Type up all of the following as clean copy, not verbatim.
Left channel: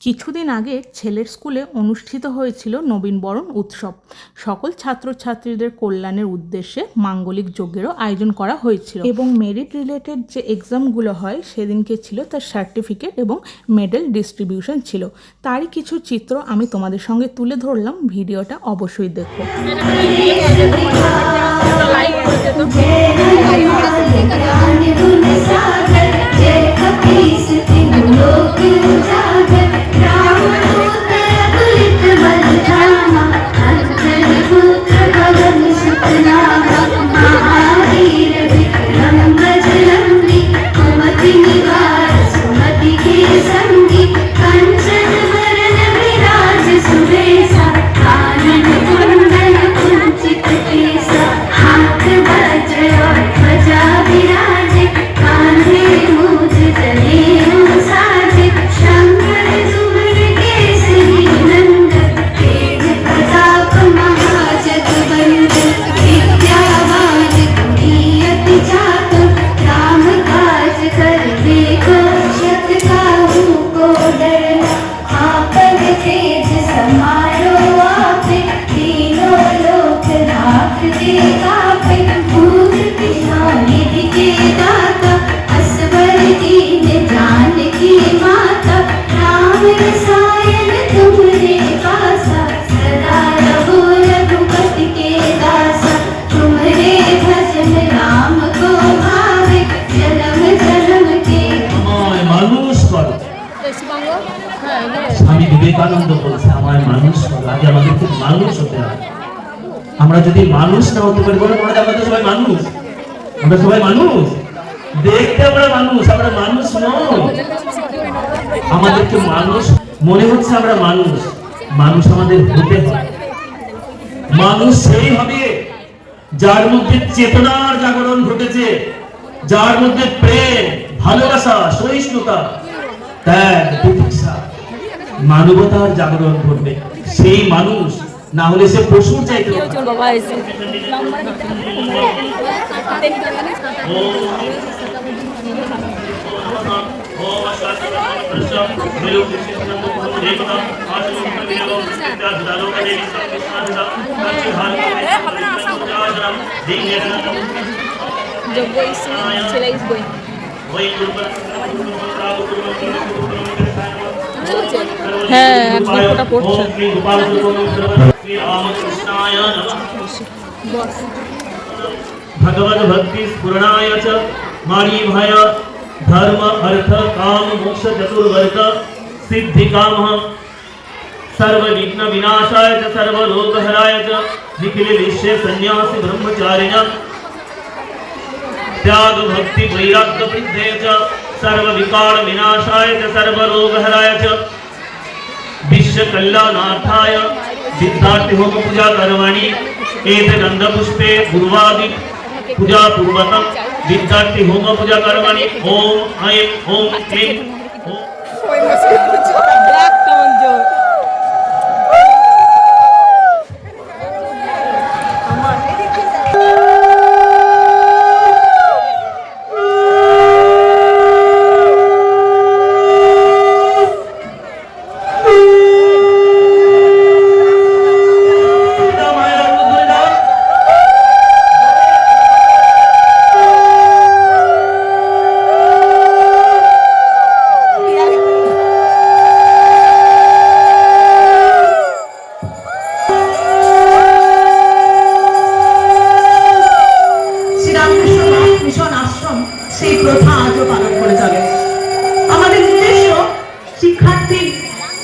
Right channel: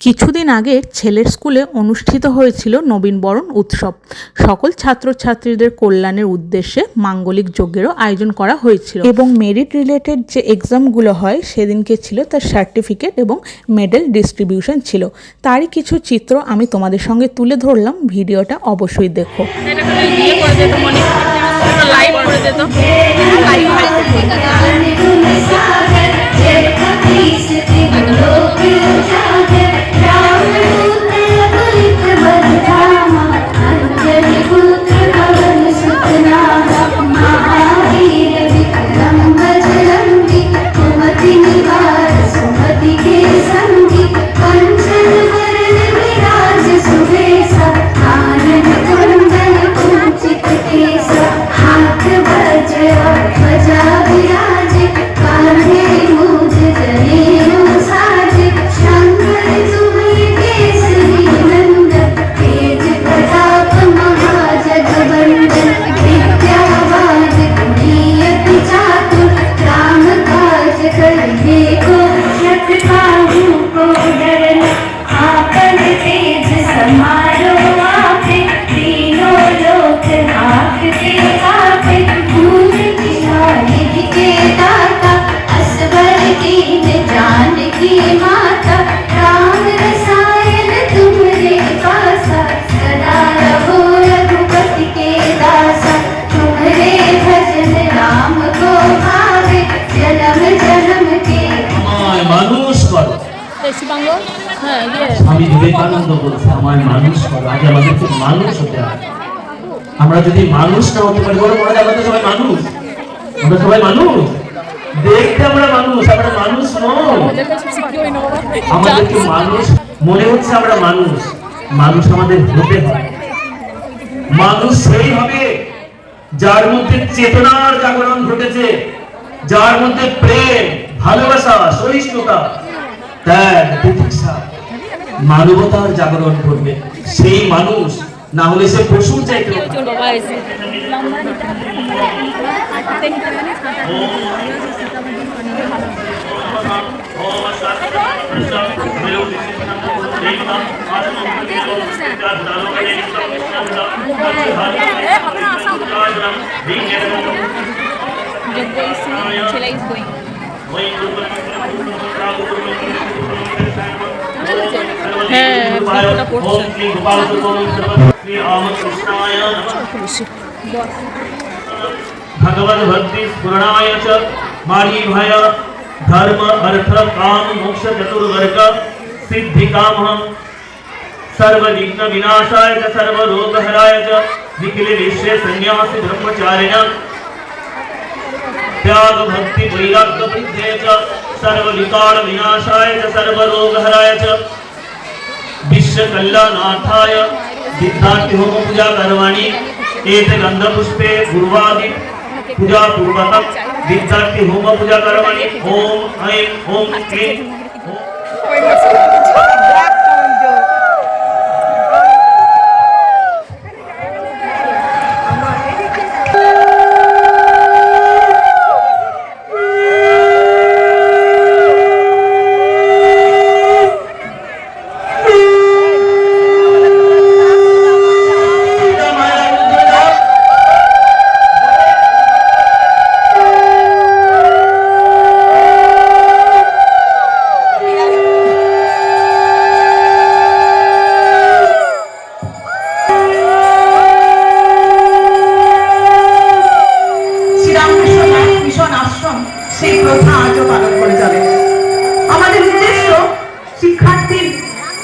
কিছুদিন আগে ছেলের স্কুলে অনুষ্ঠিত হয়েছিল নবীনবরণ উৎসব। সকল ছাত্রছাত্রীদের কল্যাণের উদ্দেশ্যে মাঙ্গলিক যজ্ঞেরও আয়োজন করা হয়েছিল এবং মেরিট রিলেটেড যে এক্সামগুলো হয় সেদিনকে ছিল তার সার্টিফিকেট এবং মেডেল ডিস্ট্রিবিউশন ছিল। তারই কিছু চিত্র আমি তোমাদের সঙ্গে তুলে ধরলাম, ভিডিওটা অবশ্যই দেখো। স্বামী বিবেকানন্দ বলছে আমায় মানুষ করো। আগে আমাদেরকে মানুষ হতে হবে। আমরা যদি মানুষ না হতে পারি, বলো আমরা সবাই মানুষ, আমরা সবাই মানুষ, দেখতে আমরা মানুষ, আমরা মানুষ নই। আমাদেরকে মানুষ মনে হচ্ছে আমরা মানুষ, মানুষ আমাদের হতে হবে। মানুষ সেই হবে যার মধ্যে চেতনার জাগরণ ঘটেছে, যার মধ্যে প্রেম, ভালোবাসা, সহিষ্ণুতা, ত্যাগ, তিতিক্ষা, মানবতার জাগরণ ঘটবে। সেই মানুষ, না হলে সে পশুর চাইতে भगवद भक्ति स्फुरणाय च मारीभाय धर्म अर्थ काम मोक्ष चतुर्वर्ग सिद्धि काम सर्व विघ्न विनाशाय च सर्व रोग हराय च निखिल विश्व सन्यासी ब्रह्मचारिण त्याग भक्ति वैराग्य बुद्धे च सर्व विकार विनाशाय च सर्व रोग हराय च विश्व कल्याणार्थाय सिद्धार्थ होम पूजा कर्मणि एते गंध पुष्पे गुरुवादि पूजा पूर्वकम विद्यार्थी होम पूजा कर्मणि ओम ऐं ओम क्लीं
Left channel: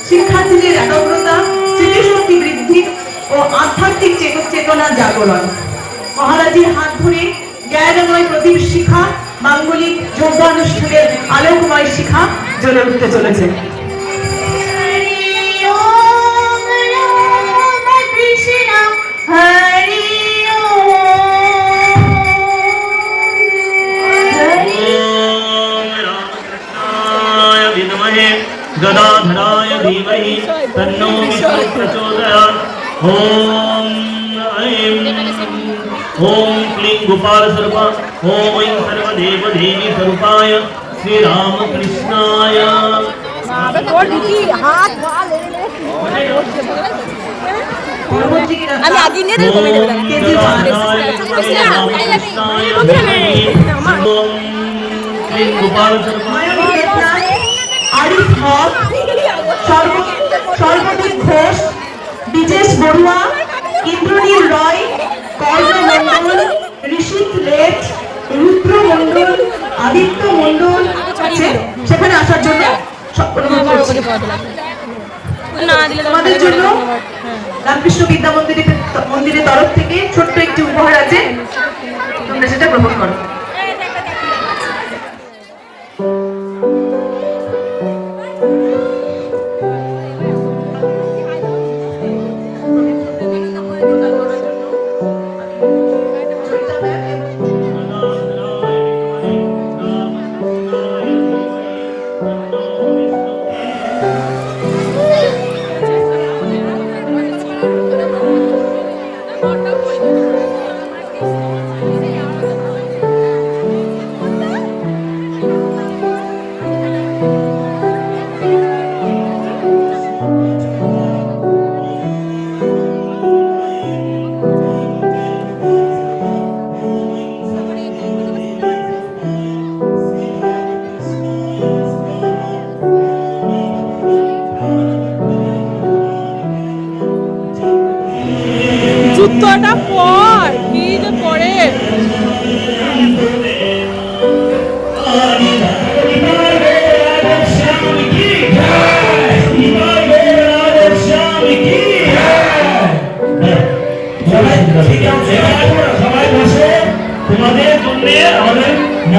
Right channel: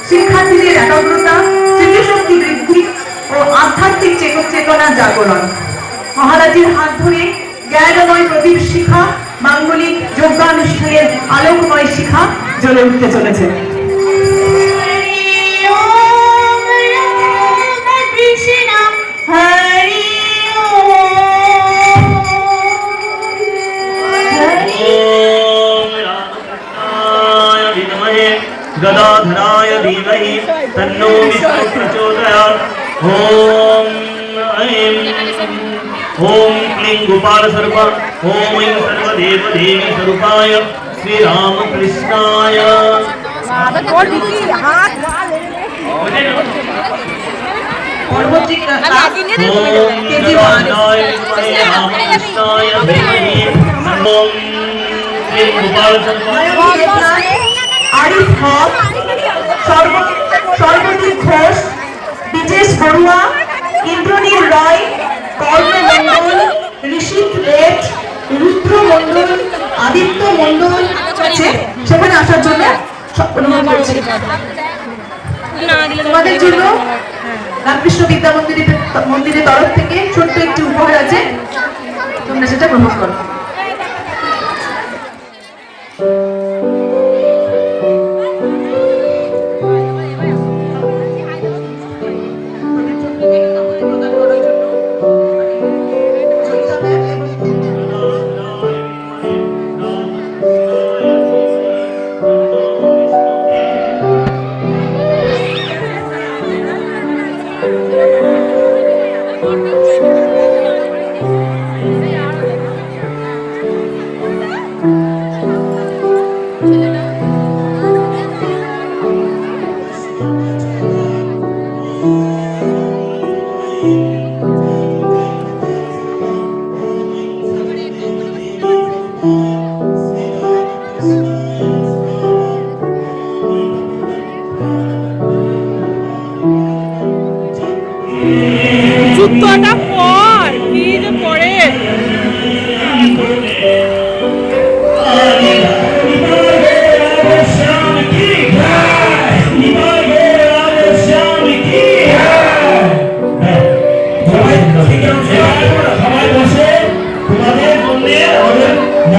শিক্ষার্থীদের একাগ্রতা, স্মৃতিশক্তি বৃদ্ধি ও আধ্যাত্মিক চেতনার জাগরণ। মহারাজের হাত ধরে জ্ঞানময় প্রদীপ শিখা, মাঙ্গলিক যোগ্যানুষ্ঠানের আলোকময় শিখা জ্বলে উঠতে চলেছে। गदाधराय धीमहि तन्नो विष्णुः प्रचोदयात्। ओम ऐं ओम क्लीं गोपाल स्वरूप ओम ऐं सर्वदेव देवी स्वरूपाय श्री राम कृष्णाय আরিফ হক, সর্বদীপ ঘোষ, বিজেশ বড়ুয়া, ইন্দ্রনীল রায়, কর্ণ মন্ডল, ঋষিক লেট, রুদ্র মন্ডল, আদিত্য মন্ডল সেখানে আসার জন্য অনুরোধ করছি। তোমাদের জন্য রামকৃষ্ণ বিদ্যা মন্দিরের তরফ থেকে ছোট্ট একটি উপহার আছে, তোমরা সেটা গ্রহণ করো। জুতোটা পর কি যে পরে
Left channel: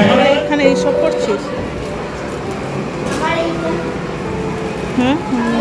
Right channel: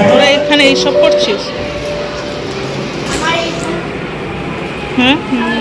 তোরা এখানে এইসব করছিস? হুম হুম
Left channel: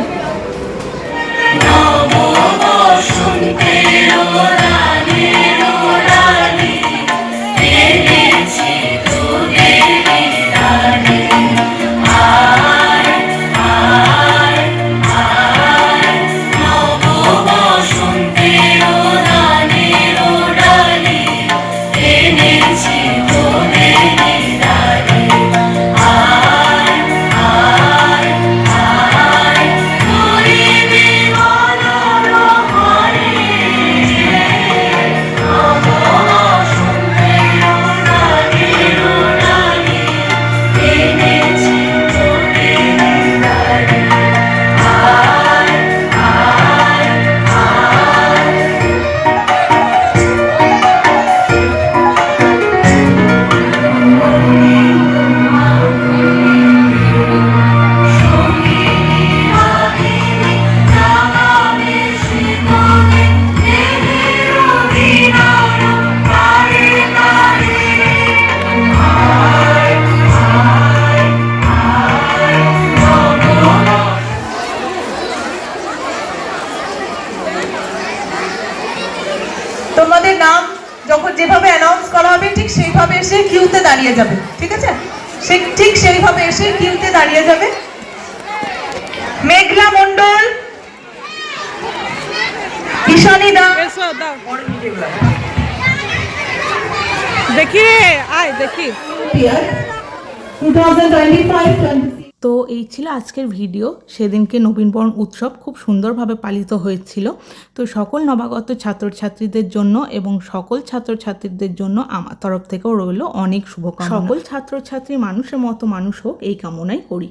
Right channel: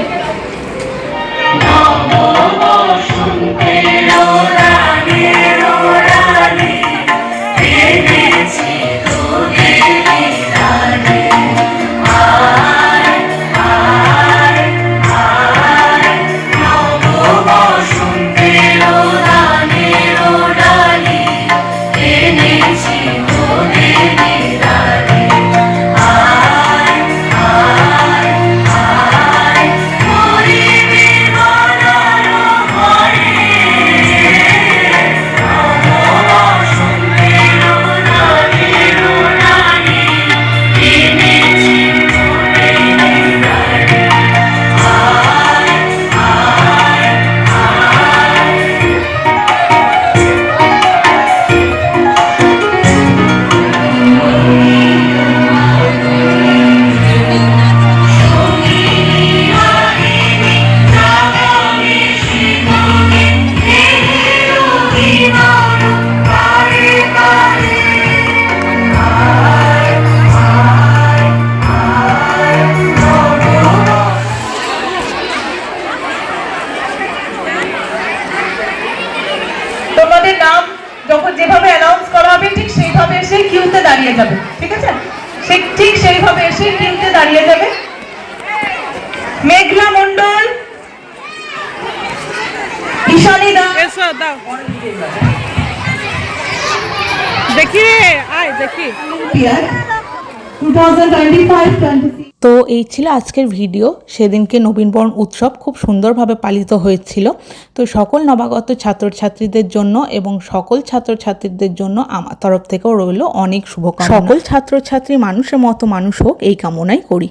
তোমাদের নাম যখন যেভাবে অ্যানাউন্স করা হবে ঠিক সেইভাবে এসে কিউতে দাঁড়িয়ে যাবে, ঠিক আছে? ঠিক সেইভাবে এসে কিউতে দাঁড়িয়ে যাবে। মেঘলা মন্ডল, ঈশানী দাস, এসো দাও দেখি রে, আয় দেখি। 2025-26 তো এই ছিল আজকের ভিডিও। সেদিনকে নবীনবরণ উৎসব খুব সুন্দরভাবে পালিত হয়েছিল। তো সকল নবাগত ছাত্রছাত্রীদের জন্য এবং সকল ছাত্রছাত্রীদের জন্য আমার তরফ থেকেও রইল অনেক শুভকামনা। সকল ছাত্রছাত্রী মানুষের মতো মানুষ হোক এই কামনাই করি।